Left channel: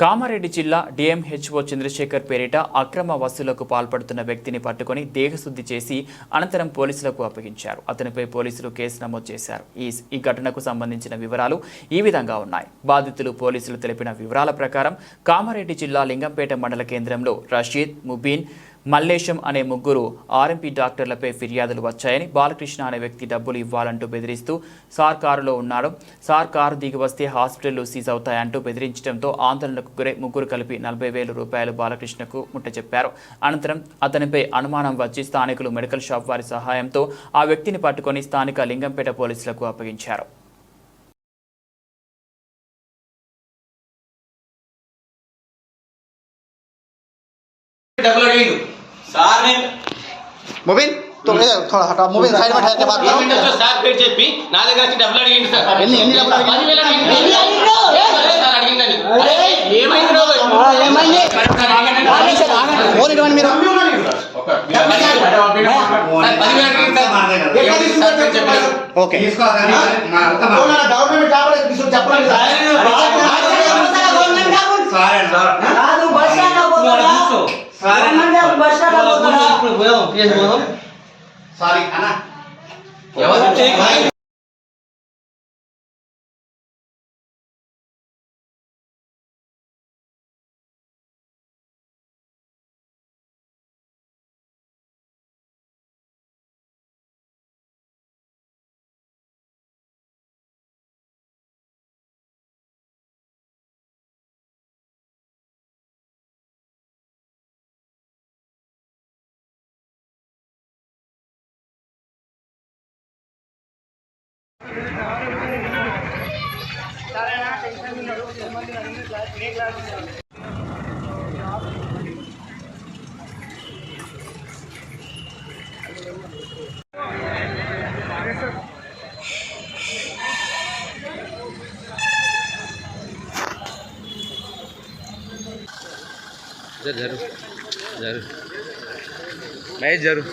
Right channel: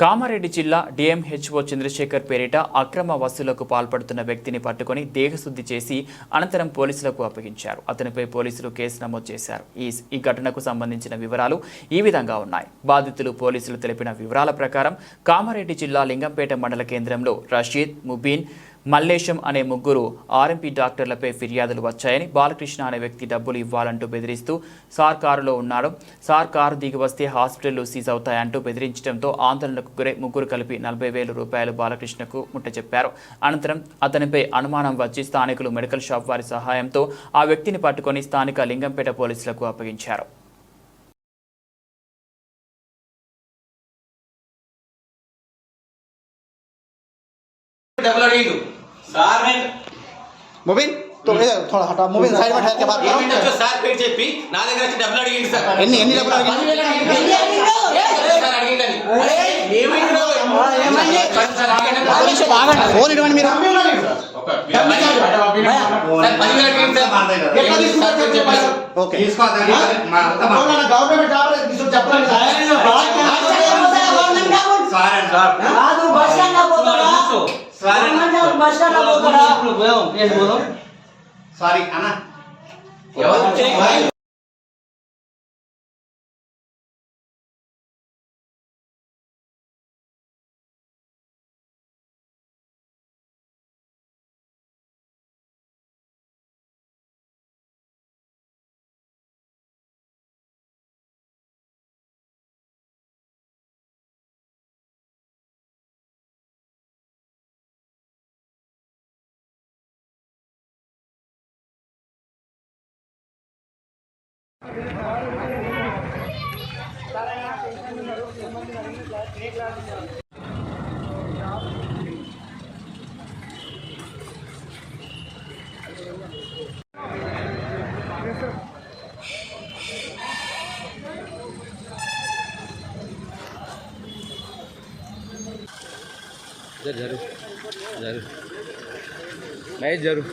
కామారెడ్డి జిల్లా డిఎంహెచ్ఓ చంద్రశేఖర్ పేరిట అక్రమ వసూలకు పాల్పడుతున్న వ్యక్తిని పట్టుకొని దేహశుద్ధి చేసి అనంతరం పోలీసులకు అప్పగించారు. అతనిపై పోలీసులు కేసు నమోదు చేశారు. ఈ ఘటనకు సంబంధించిన వివరాలు ఈ విధంగా ఉన్నాయి. బాధితులు పోలీసులు తెలిపిన వివరాల ప్రకారం కామారెడ్డి జిల్లా లింగంపేట మండల కేంద్రంలో రషీద్, ముబీన్, మల్లేశం అనే ముగ్గురు ఆర్ఎంపీ డాక్టర్లపై ఫిర్యాదులు వచ్చాయని, బాలకృష్ణ అనే వ్యక్తి డబ్బులు ఇవ్వాలంటూ బెదిరిస్తూ సార్ కారులో ఉన్నాడు, సార్ కారు దిగి వస్తే హాస్పిటల్లో సీజ్ అవుతాయంటూ బెదిరించడంతో ఆందోళనకు గురై ముగ్గురు కలిపి 40,000 రూపాయలు బాలకృష్ణకు ముట్టచెప్పారు. అనంతరం అతనిపై అనుమానం వచ్చి స్థానికులు మెడికల్ షాప్ వారి సహాయంతో ఆ వ్యక్తిని పట్టుకొని స్థానిక లింగంపేట పోలీసులకు అప్పగించారు. मोबाइल तो थोड़ा हटा मोबाइल साइड में ठहर के बात करो तो सर पेट చెప్పి నా దగ్గర నుంచి డబ్బులు అడిగింది సార్ ఎన్ని డబ్బులు అడిగింది 10,000 అడిగింది సార్ అడిగిందని అరే ఏమైంది రో ఏమైంది ఫోన్ ఇవ్వండి మీరు ఓకే తీసుకోవాలి మా గవర్నమెంట్ జాబ్ తీసుకొని చెప్పండి సార్ సార్ రాదు బస్టాండ్ పోతారా సార్ బస్టాండ్ పోతారా సారీ అన్నా जरूर जरूर मैं जरूर